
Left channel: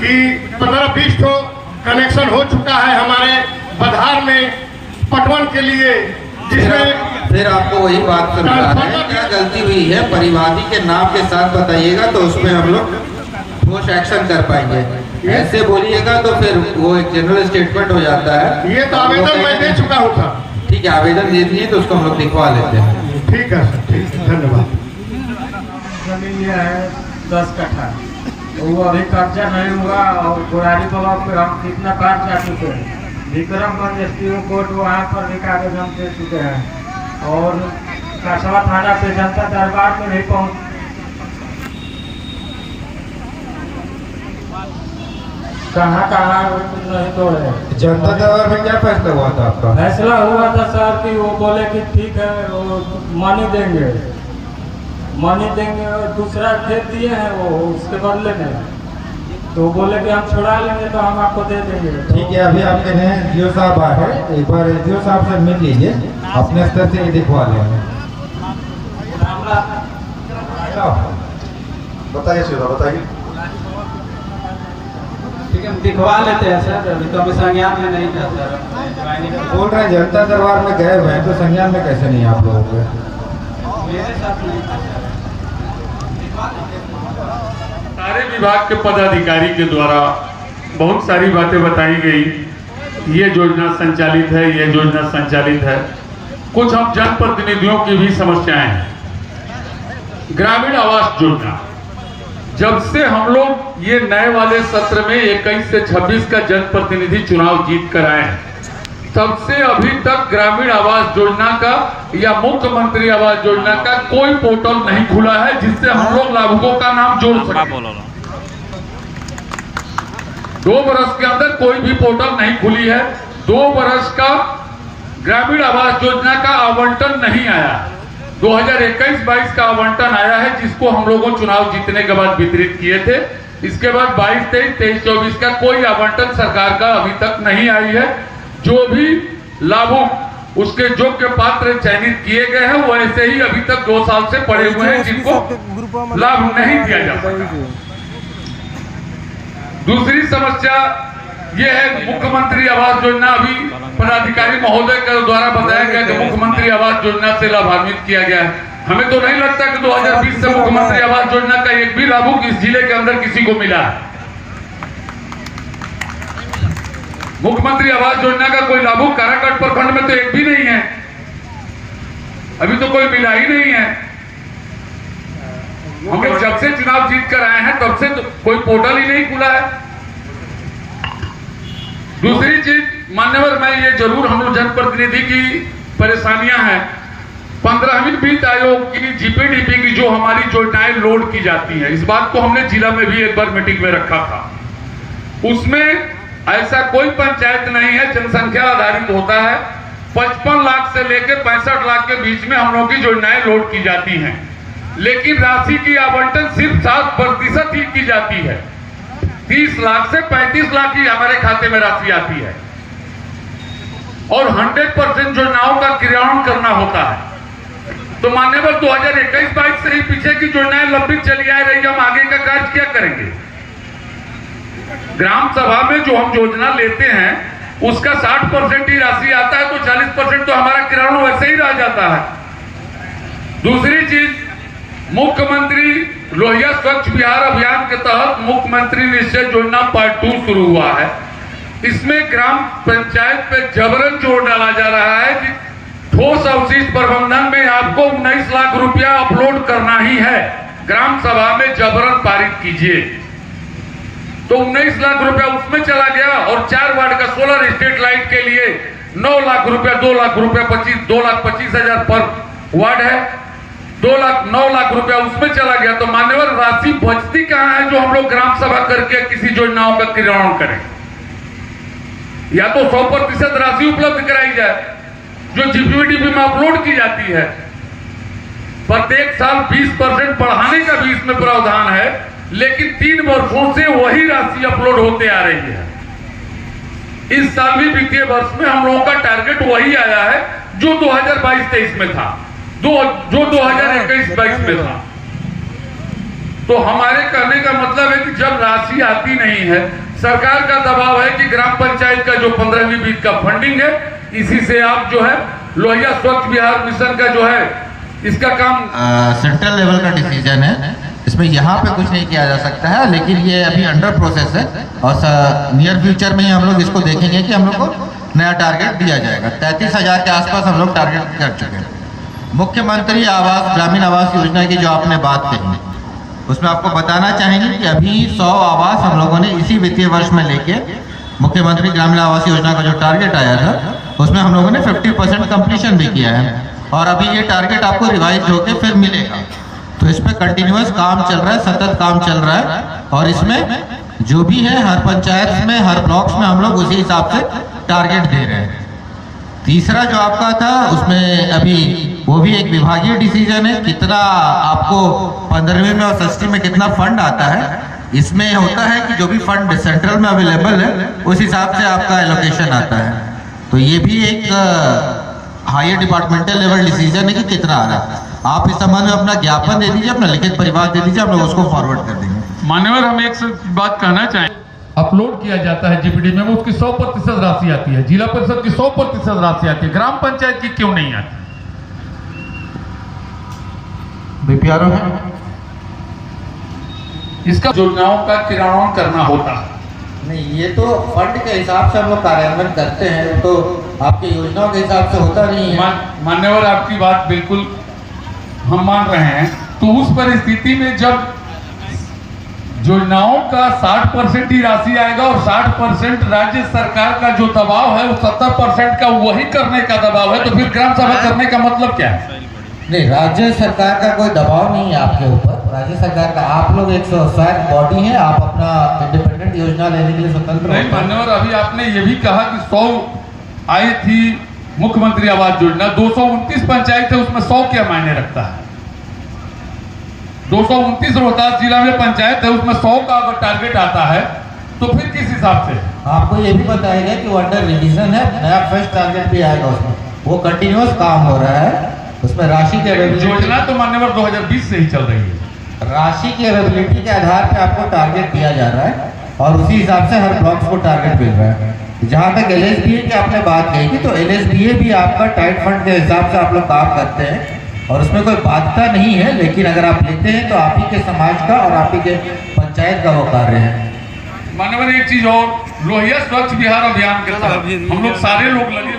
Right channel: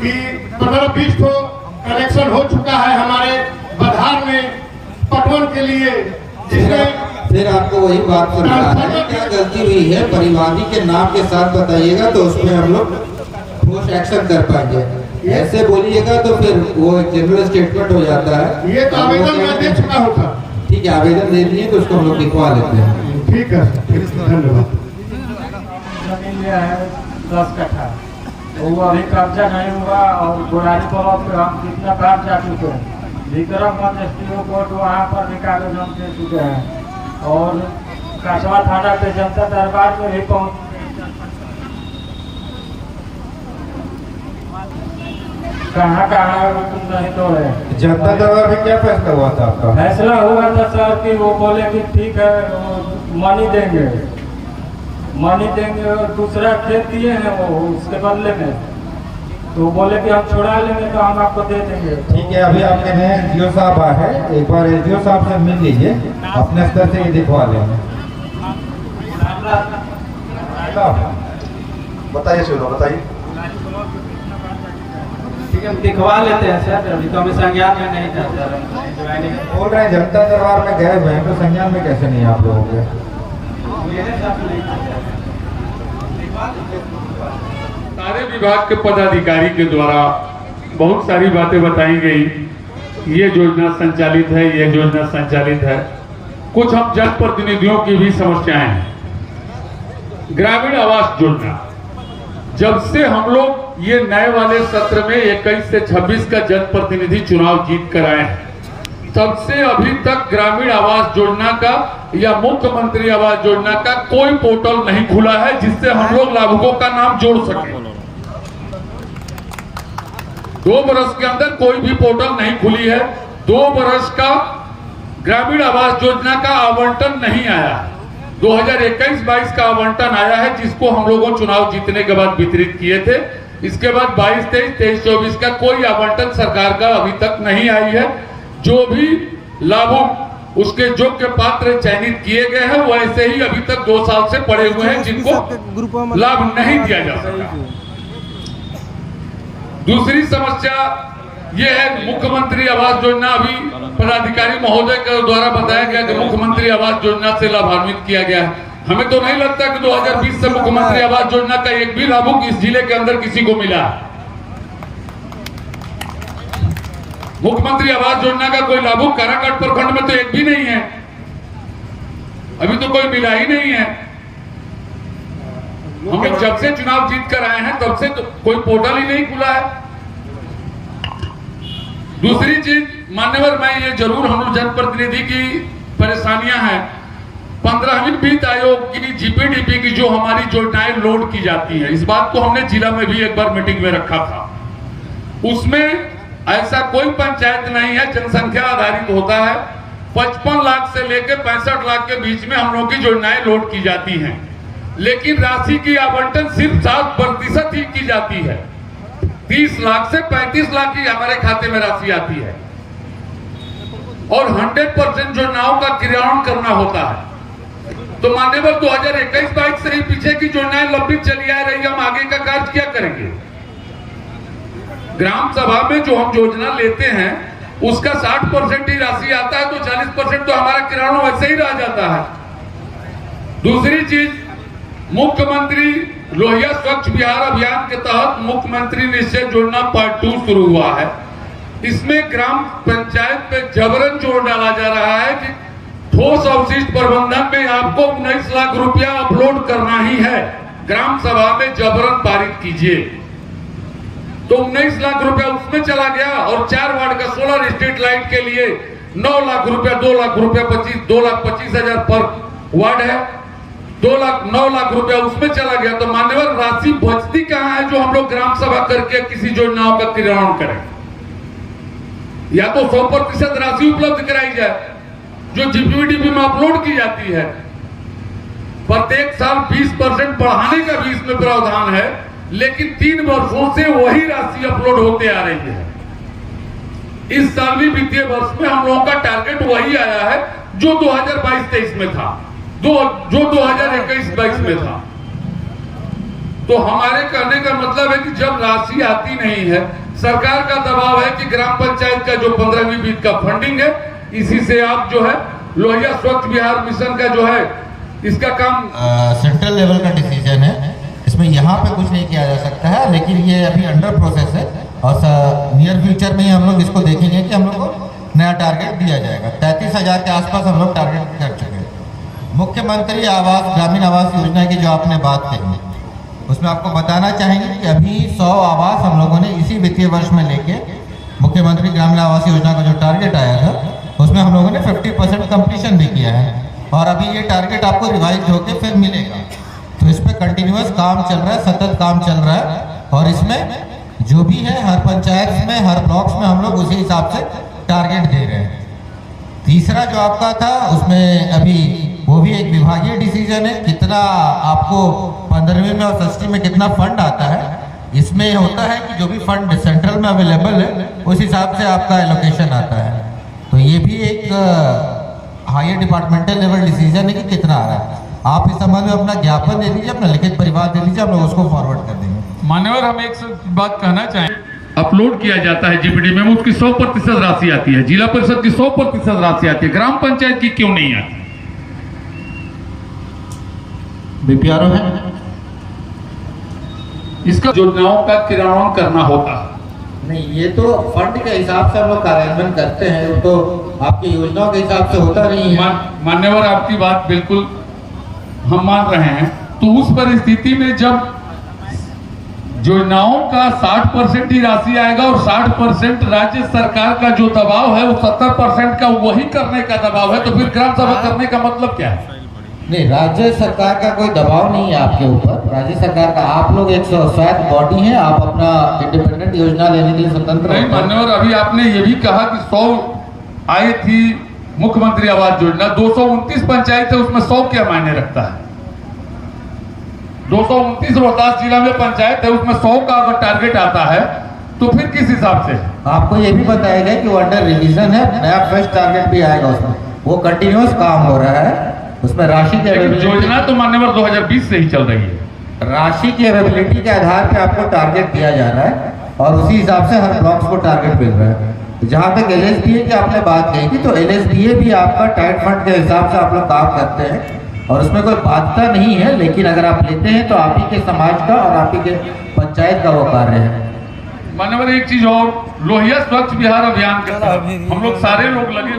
कि 15-20 तो कनेक्शन हो चुका है हमारे बधार में पटवन के लिए, जिसमें फिर आपको वही बात समझा रहे हैं, क्या गलती हुई है परिवादी के नाम के साथ बताइएगा, तो उसमें हम लोग ठोस एक्शन कर पाएंगे। ऐसे बोलिएगा तो फिर वो एक जनरल स्टेटमेंट हो जाता है। ये तो आवेदन मैं दे चुका हूँ सर। ठीक है, आवेदन दे दिए तो उसको हम लोग दिखवा लेते हैं। ठीक है सर, ठीक है, धन्यवाद। जमीन ये है 10 कट्ठा, वो अभी कब्जा नहीं हुआ, और बुरारी ब्लॉक में हम कितना काट जा चुके हैं। विक्रमगंज एसपीओ कोर्ट वहाँ पर भी कागज हम दे चुके हैं, और कासवा थाना पे जनता दरबार में भी पहुँच कहाँ नहीं तो है। जनता दरबार में क्या फैसला हुआ था आपका? फैसला हुआ था सर कि वो बोले कि ठीक है मनी देंगे, और दूसरा खेत दिए हैं वो उसके बदले में, तो बोले कि हम छुड़ा लेंगे तो हम आपको दे देंगे। ठीक है, अभी आपके नए एसडीओ साहब आए हैं, एक बार एसडीओ साहब से मिल लीजिए, अपने स्तर से ये दिखवा लेंगे। बताइए सुधा, बताइए। ठीक है, दिखवा लेते हैं सर, अभी तो संज्ञान में नहीं जाते। बोल रहे हैं जनता दरबार में गए हुए हैं, तो संज्ञान में कैसे नहीं आप लोगों के? सारे विभाग के पदाधिकारी के द्वारा बहुत सारी बातें बताई गई, ये योजना संचालित है, ये योजना संचालित है। कुछ हम जनप्रतिनिधियों की भी समस्याएं हैं। ग्रामीण आवास योजना, जब से हम लोग ये नए वाले सत्र में 21 से 26 का जनप्रतिनिधि चुनाव जीत कर आए हैं, तब से अभी तक ग्रामीण आवास योजना का या मुख्यमंत्री आवास योजना का कोई पोर्टल नहीं खुला है जिससे हम लोग लाभुकों का नाम जोड़ सकें। 2 वर्ष के अंदर कोई भी पोर्टल नहीं खुली है। 2 वर्ष का ग्रामीण आवास योजना का आवंटन नहीं आया है। 2021-22 का आवंटन आया है, जिसको हम लोगों चुनाव जीतने के बाद वितरित किए थे। इसके बाद 22-23, 23-24 का कोई आवंटन सरकार का अभी तक नहीं आई है। जो भी लाभुक उसके योग्य पात्र चयनित किए गए हैं, वो ऐसे ही अभी तक 2 साल से पड़े हुए हैं, जिनको लाभ नहीं दिया जा सका। दूसरी समस्या ये है, मुख्यमंत्री आवास योजना, अभी पदाधिकारी महोदय के द्वारा बताया गया कि मुख्यमंत्री आवास योजना से लाभान्वित किया गया है। हमें तो नहीं लगता कि 2020 से मुख्यमंत्री आवास योजना का एक भी लाभुक इस जिले के अंदर किसी को मिला है। मुख्यमंत्री आवास योजना का कोई लाभुक काराकाट प्रखंड में तो एक भी नहीं है, अभी तो कोई मिला ही नहीं है। हम लोग जब से चुनाव जीत कर आए हैं तब से तो कोई पोर्टल ही नहीं खुला है। दूसरी चीज मान्यवर, मैं ये जरूर हम लोग जनप्रतिनिधि की परेशानियां हैं, 15वीं वित्त आयोग की जीपीडीपी की जो हमारी योजनाएं लोड की जाती हैं, इस बात को हमने जिला में भी एक बार मीटिंग में रखा था। उसमें ऐसा कोई पंचायत नहीं है, जनसंख्या आधारित होता है। 55 लाख से लेकर 65 लाख के बीच में हम लोगों की योजनाएं लोड की जाती हैं, लेकिन राशि की आवंटन सिर्फ 7% ही की जाती है। 30 लाख से 35 लाख की हमारे खाते में राशि आती है और 100% योजनाओं का क्रियान्वयन करना होता है। तो मान्यवर 2021-22 से ही पीछे की योजनाएं लंबित चली आ रही है, हम आगे का कार्य क्या करेंगे? ग्राम सभा में जो हम योजना लेते हैं उसका 60% ही राशि आता है, तो 40% तो हमारा क्रियान्वयन वैसे ही रह जाता है। दूसरी चीज, मुख्यमंत्री लोहिया स्वच्छ बिहार अभियान के तहत मुख्यमंत्री निश्चय योजना पार्ट 2 शुरू हुआ है। इसमें ग्राम पंचायत पे जबरन जोर डाला जा रहा है कि ठोस अवशिष्ट प्रबंधन में आपको 19 लाख रुपया अपलोड करना ही है, ग्राम सभा में जबरन पारित कीजिए। तो 19 लाख रुपया उसमें चला गया और 4 वार्ड का सोलर स्ट्रीट लाइट के लिए 9 लाख रुपया, 2 लाख रुपया 2,25,000 पर वार्ड है, 9 लाख रुपया उसमें चला गया। तो मान्यवर राशि बचती कहां है जो हम लोग ग्राम सभा करके किसी योजनाओं का क्रियान्वयन करें? या तो 100% राशि उपलब्ध कराई जाए जो जीपीडीपी में अपलोड की जाती है। प्रत्येक साल 20% बढ़ाने का भी इसमें प्रावधान है, लेकिन 3 वर्षों से वही राशि अपलोड होते आ रही है। इस साल भी वित्तीय वर्ष में हम लोगों का टारगेट वही आया है जो 2022-23 में था, जो 2021-22 में था। तो हमारे कहने का मतलब है कि जब राशि आती नहीं है, सरकार का दबाव है कि ग्राम पंचायत का जो 15वीं वित्त का फंडिंग है, इसी से आप जो है लोहिया स्वच्छ बिहार मिशन का जो है इसका काम सेंट्रल लेवल का डिसीजन है, इसमें यहाँ पे कुछ नहीं किया जा सकता है, लेकिन ये अभी अंडर प्रोसेस है और नियर फ्यूचर में ही हम लोग इसको देखेंगे कि हम लोग को नया टारगेट दिया जाएगा। 33,000 के आसपास हम लोग टारगेट कर चुके हैं। मुख्यमंत्री आवास ग्रामीण आवास योजना की जो आपने बात कही, उसमें आपको बताना चाहेंगे कि अभी 100 आवास हम लोगों ने इसी वित्तीय वर्ष में लेके मुख्यमंत्री ग्रामीण आवास योजना का जो टारगेट आया था उसमें हम लोगों ने 50% कंप्लीशन भी किया है और अभी ये टारगेट आपको रिवाइज होकर फिर मिलेगा। तो इस पे कंटिन्यूअस काम चल रहा है, सतत काम चल रहा है और इसमें जो भी है हर पंचायत में हर ब्लॉक्स में हम लोग उसी हिसाब से टारगेट दे रहे हैं। तीसरा जो आपका था उसमें अभी वो भी एक विभागीय डिसीजन है, कितना आपको 15वीं में और 6वीं में कितना फंड आता है। इसमें होता है कि जो भी फंड सेंट्रल में अवेलेबल है उस हिसाब से आपका एलोकेशन आता है। तो ये भी एक हायर डिपार्टमेंटल लेवल डिसीजन है कि कितना आ रहा है। आप इस संबंध में अपना ज्ञापन दे दीजिए, अपना लिखित परिवार दे दीजिए, हम लोग उसको फॉरवर्ड कर देंगे। मान्यवर, हम एक बात कहना चाहें, अपलोड किया जाता है जीपीडी में, उसकी 100% राशि आती है, जिला परिषद की 100% राशि आती है, ग्राम पंचायत की क्यों नहीं आती? बीपीआरओ है, इसका योजनाओं का क्रियान्वयन करना होता है। नहीं, ये तो फंड के हिसाब से हम लोग कार्यान्वयन करते हैं, तो आपकी योजनाओं के हिसाब से होता नहीं है। मान्यवर, आपकी बात बिल्कुल हम मान रहे हैं। तो उस परिस्थिति में जब योजनाओं का 60% ही राशि आएगा और 60% राज्य सरकार का जो दबाव है वो 70% का वही करने का दबाव है, तो फिर ग्राम सभा करने का मतलब क्या है? नहीं, राज्य सरकार का कोई दबाव नहीं है आपके ऊपर। राज्य सरकार का, आप लोग एक स्वायत्त बॉडी है, आप अपना इंडिपेंडेंट योजना लेने के लिए स्वतंत्र हैं। मान्यवर, अभी आपने ये भी कहा कि 100 आई थी मुख्यमंत्री आवास योजना, 229 पंचायत है, उसमें 100 क्या मायने रखता है? 229 रोहतास जिला में पंचायत है, उसमें 100 का अगर टारगेट आता है तो फिर किस हिसाब से? आपको ये भी बताया गया कि वो अंडर रिवीजन है, नया फ्रेश टारगेट भी आएगा उसमें, वो कंटिन्यूस काम हो रहा है, उसमें राशि की योजना तो मान्यवर 2020 से ही चल रही है। राशि की अवेलेबिलिटी के आधार पर आपको टारगेट दिया जा रहा है और उसी हिसाब से हर ब्लॉक्स को टारगेट मिल रहा है। जहाँ तक LSBA की आपने बात कही थी, तो LSBA भी आपका टाइट फंड के हिसाब से आप लोग काम करते हैं और उसमें कोई बाध्यता नहीं है, लेकिन अगर आप लेते हैं तो आप ही के समाज का और आप ही के पंचायत का वो कार्य है। मानवर एक चीज और, लोहिया स्वच्छ बिहार अभियान के तहत हम लोग सारे लोग लगे,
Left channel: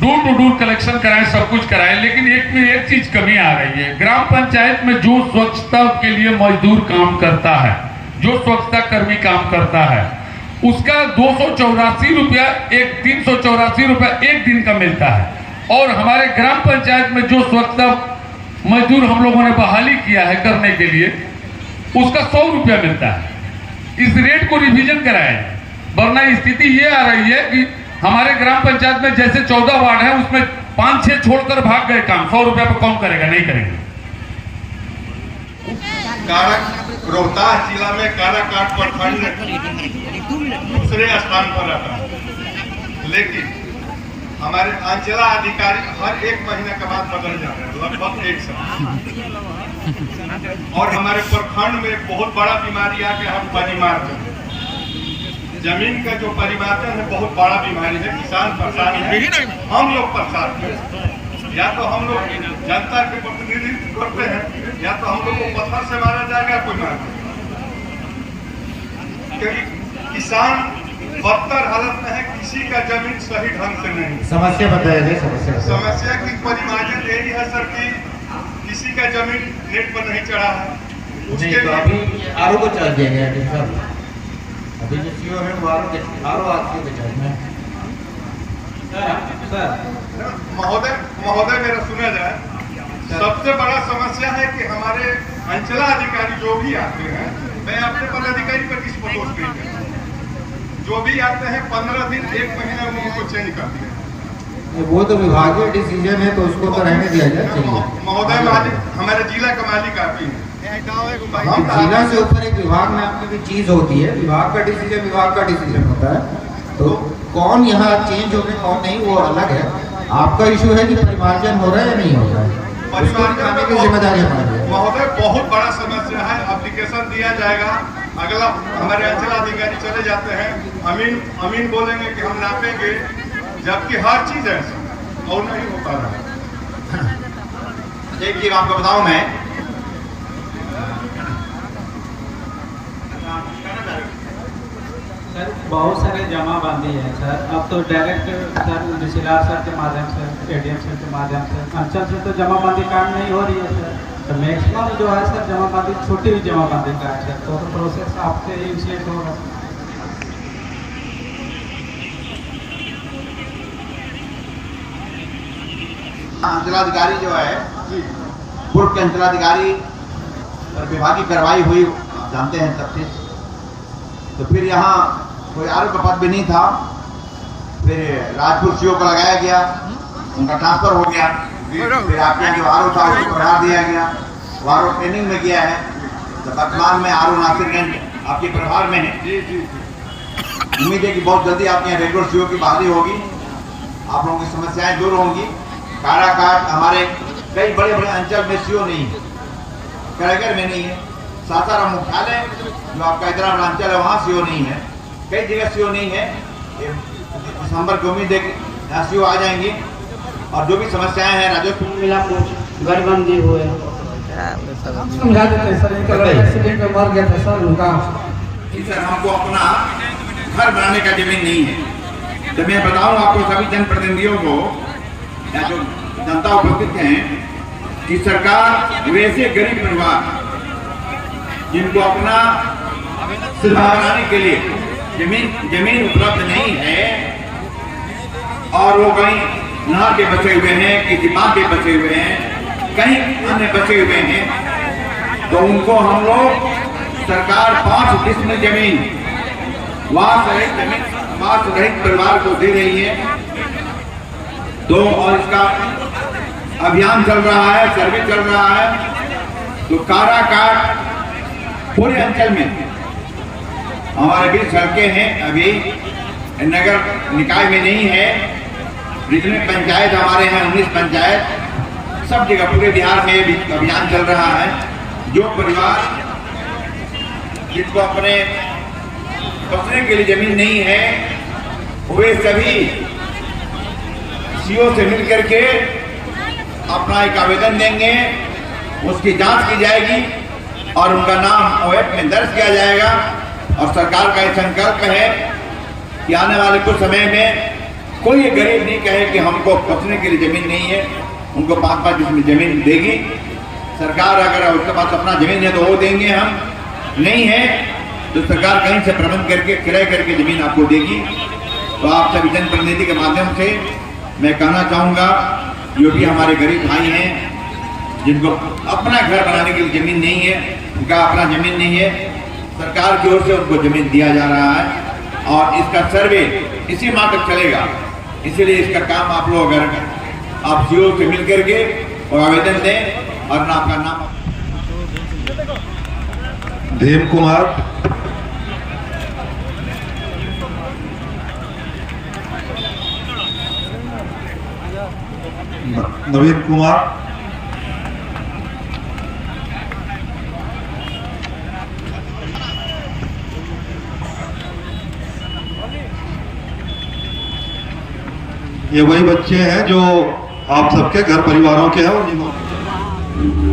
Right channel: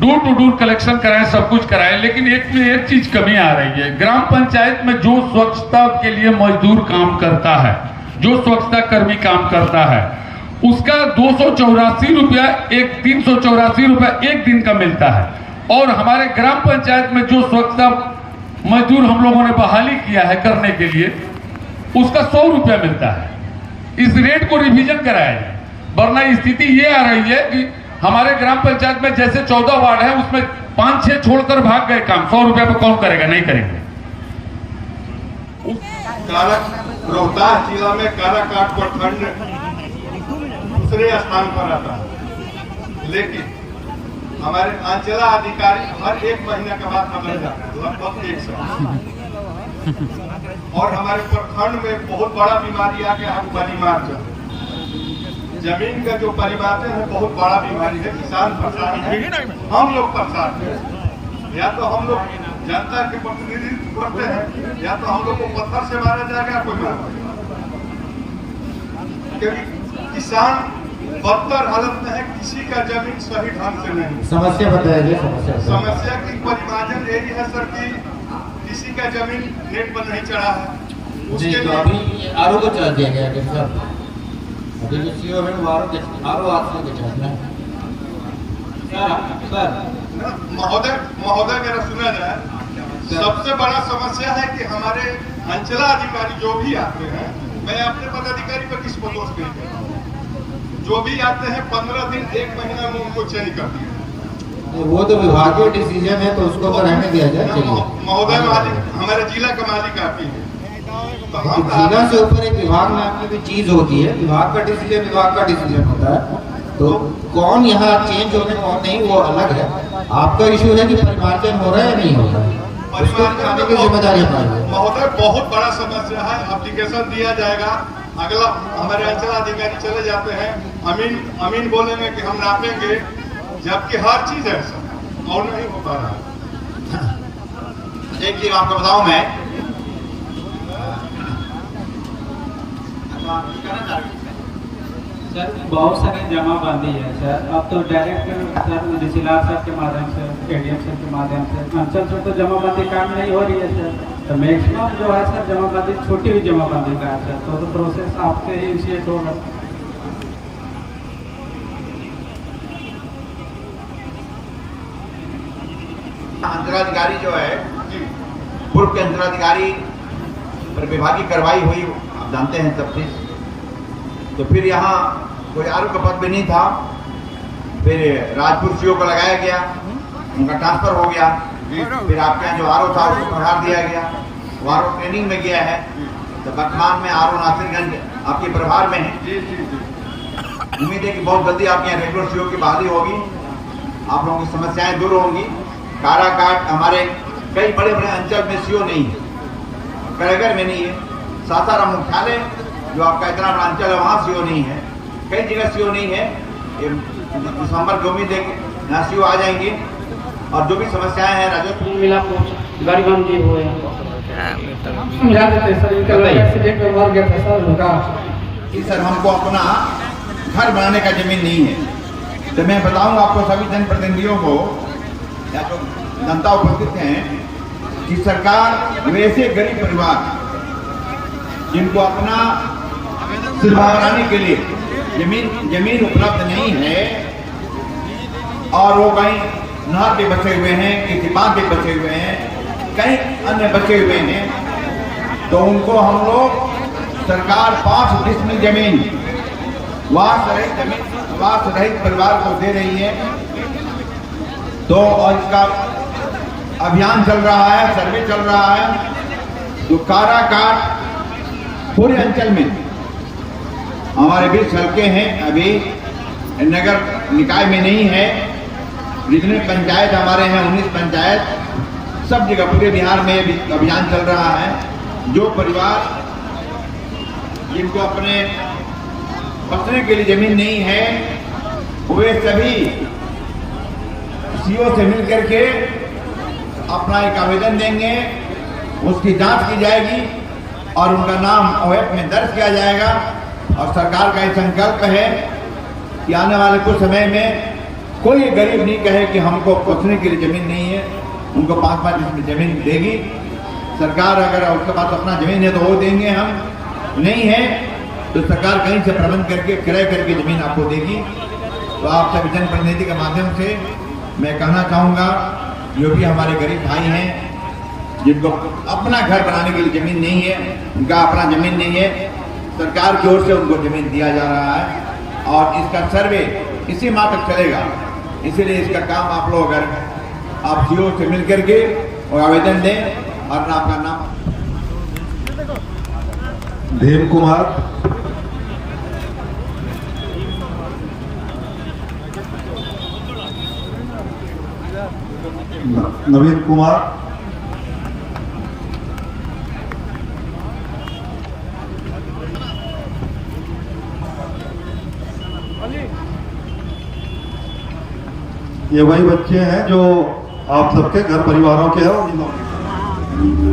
डोर टू डोर कलेक्शन कराएं, सब कुछ कराएं, लेकिन एक चीज कमी आ रही है। ग्राम पंचायत में जो स्वच्छता के लिए मजदूर काम करता है, जो स्वच्छता कर्मी काम करता है, उसका 284 रुपया 384 रुपया एक दिन का मिलता है। और हमारे ग्राम पंचायत में जो स्वच्छता मजदूर हम लोगों ने बहाली किया है करने के लिए, उसका 100 रुपया मिलता है। इस रेट को रिवीजन कराएं, वरना स्थिति ये आ रही है कि हमारे ग्राम पंचायत में जैसे 14 वार्ड है, उसमें 5-6 छोड़कर भाग गए काम। 100 रुपया पे कौन करेगा? नहीं करेंगे। रोहतास जिला में काराकाट प्रखंड दूसरे स्थान पर आता है, लेकिन हमारे अंचला अधिकारी हर 1 महीने के बाद बदल जाते हैं, लगभग 1 साल। और हमारे प्रखंड में बहुत बड़ा बीमारी आ गया है, परिमार्जन। जमीन का जो परिमार्जन है बहुत बड़ा बीमारी है। किसान परेशान है, हम लोग परेशान हैं। या तो हम लोग जनता के प्रतिनिधित्व करते हैं, या तो हम लोग को पत्थर से मारा जाएगा, कोई मारा। किसान बदतर हालत में है, किसी का जमीन सही ढंग से नहीं। समस्या बताइए। समस्या की परिमार्जन यही है सर कि किसी का जमीन रेट पर नहीं चढ़ा है। जी, तो अभी आरो को चढ़ दिया गया है सर। अभी जो सीओ है वो आरो आपको बेचाना है सर। महोदय मेरा सुना जाए, सबसे बड़ा समस्या है कि हमारे अंचला अधिकारी जो भी आते हैं, मैं अपने पदाधिकारी पर किस पर दोष नहीं करता हूं, जो भी आते हैं 15 दिन 1 महीना में उनको चेंज कर दिया। वो तो विभागीय डिसीजन है, तो उसको तो रहने दिया जाए। चलिए महोदय, मालिक हमारे जिला का मालिक आती है, जिला से ऊपर एक विभाग नाम की भी चीज होती है। विभाग का डिसीजन होता है, तो कौन यहाँ चेंज होने कौन नहीं वो अलग है। आपका इशू है कि परिमार्जन हो रहा है या नहीं हो रहा है, उसको दिखाने की जिम्मेदारी हमारी। महोदय, बहुत बड़ा समस्या है। एप्लीकेशन दिया जाएगा, अगला हमारे अंचला अधिकारी चले जाते हैं, अमीन बोलेंगे कि हम नापेंगे, जबकि हर चीज है और नहीं हो पा रहा है। एक चीज आपको बताऊं मैं, सर बहुत सारे जमाबंदी है सर। अब तो डायरेक्ट सर डीसीआर सर के माध्यम से, एडीएम सर के माध्यम से, अंचल से तो जमाबंदी काम नहीं हो रही है सर। तो मैक्सिमम जो है सर जमाबंदी छोटी हुई जमाबंदी का है सर। तो प्रोसेस आपसे इनिशिएट होगा। अंचलाधिकारी जो है, पूर्व के अंचलाधिकारी पर विभागीय कार्रवाई हुई, आप जानते हैं सब चीज। तो फिर यहाँ कोई आरो का पद भी नहीं था, फिर राजपुर सीओ को लगाया गया, उनका ट्रांसफर हो गया। फिर आपके यहाँ जो आरो था उसको बढ़ा दिया गया, वो आरो ट्रेनिंग में गया है। तो वर्तमान में आरो नासिरगंज आपके प्रभार में है। उम्मीद है कि बहुत जल्दी आपके यहाँ रेगुलर सीओ की बहाली होगी, आप लोगों की समस्याएं दूर होंगी। काराकाट हमारे कई बड़े बड़े अंचल में सीओ नहीं है, कड़ेगर में नहीं है, सासाराम मुख्यालय जो आपका इतना बड़ा अंचल है वहाँ सीओ नहीं है, कई जगह सीओ नहीं है। दिसंबर की उम्मीद है यहाँ सीओ आ जाएंगी और जो भी समस्याएं हैं राजस्व मिला कुछ गरीबंदी हुए समझा देते सर। इनका एक्सीडेंट में मर गया था सर उनका। कि सर हमको अपना घर बनाने का जमीन नहीं है। तो मैं बताऊं आपको सभी जनप्रतिनिधियों को या जो जनता उपस्थित हैं कि सरकार वैसे गरीब परिवार जिनको अपना बनाने के लिए जमीन उपलब्ध नहीं है और वो कहीं नहर पे बसे हुए हैं, किसी बांध पे बसे हुए हैं, कहीं अन्य बसे हुए हैं, तो उनको हम लोग सरकार 5 डिसमिल जमीन वास रहित परिवार को दे रही है। तो और इसका अभियान चल रहा है, सर्वे चल रहा है। तो काराकाट पूरे अंचल में हमारे 20 सड़कें हैं, अभी नगर निकाय में नहीं है। जितने पंचायत हमारे हैं 19 पंचायत, सब जगह पूरे बिहार में अभियान चल रहा है। जो परिवार जिनको अपने बसने के लिए जमीन नहीं है, वे सभी सीओ से मिल करके अपना एक आवेदन देंगे, उसकी जांच की जाएगी और उनका नाम ओएफ में दर्ज किया जाएगा। और सरकार का ये संकल्प है कि आने वाले कुछ समय में कोई गरीब नहीं कहे कि हमको बसने के लिए जमीन नहीं है, उनको 5-5 इसमें जमीन देगी सरकार। अगर उसके पास अपना जमीन है तो वो देंगे, हम नहीं है तो सरकार कहीं से प्रबंध करके क्रय करके जमीन आपको देगी। तो आप सभी जनप्रतिनिधि के माध्यम से मैं कहना चाहूँगा, जो भी हमारे गरीब भाई हैं जिनको अपना घर बनाने के लिए जमीन नहीं है, उनका अपना जमीन नहीं है, सरकार की ओर से उनको जमीन दिया जा रहा है और इसका सर्वे इसी माह तक चलेगा। इसीलिए इसका काम आप लोग अगर आप सीओ से मिल करके और आवेदन दें और आपका नाम देव कुमार, नवीन कुमार, ये वही बच्चे हैं जो आप सबके घर परिवारों के हैं और जिन्होंने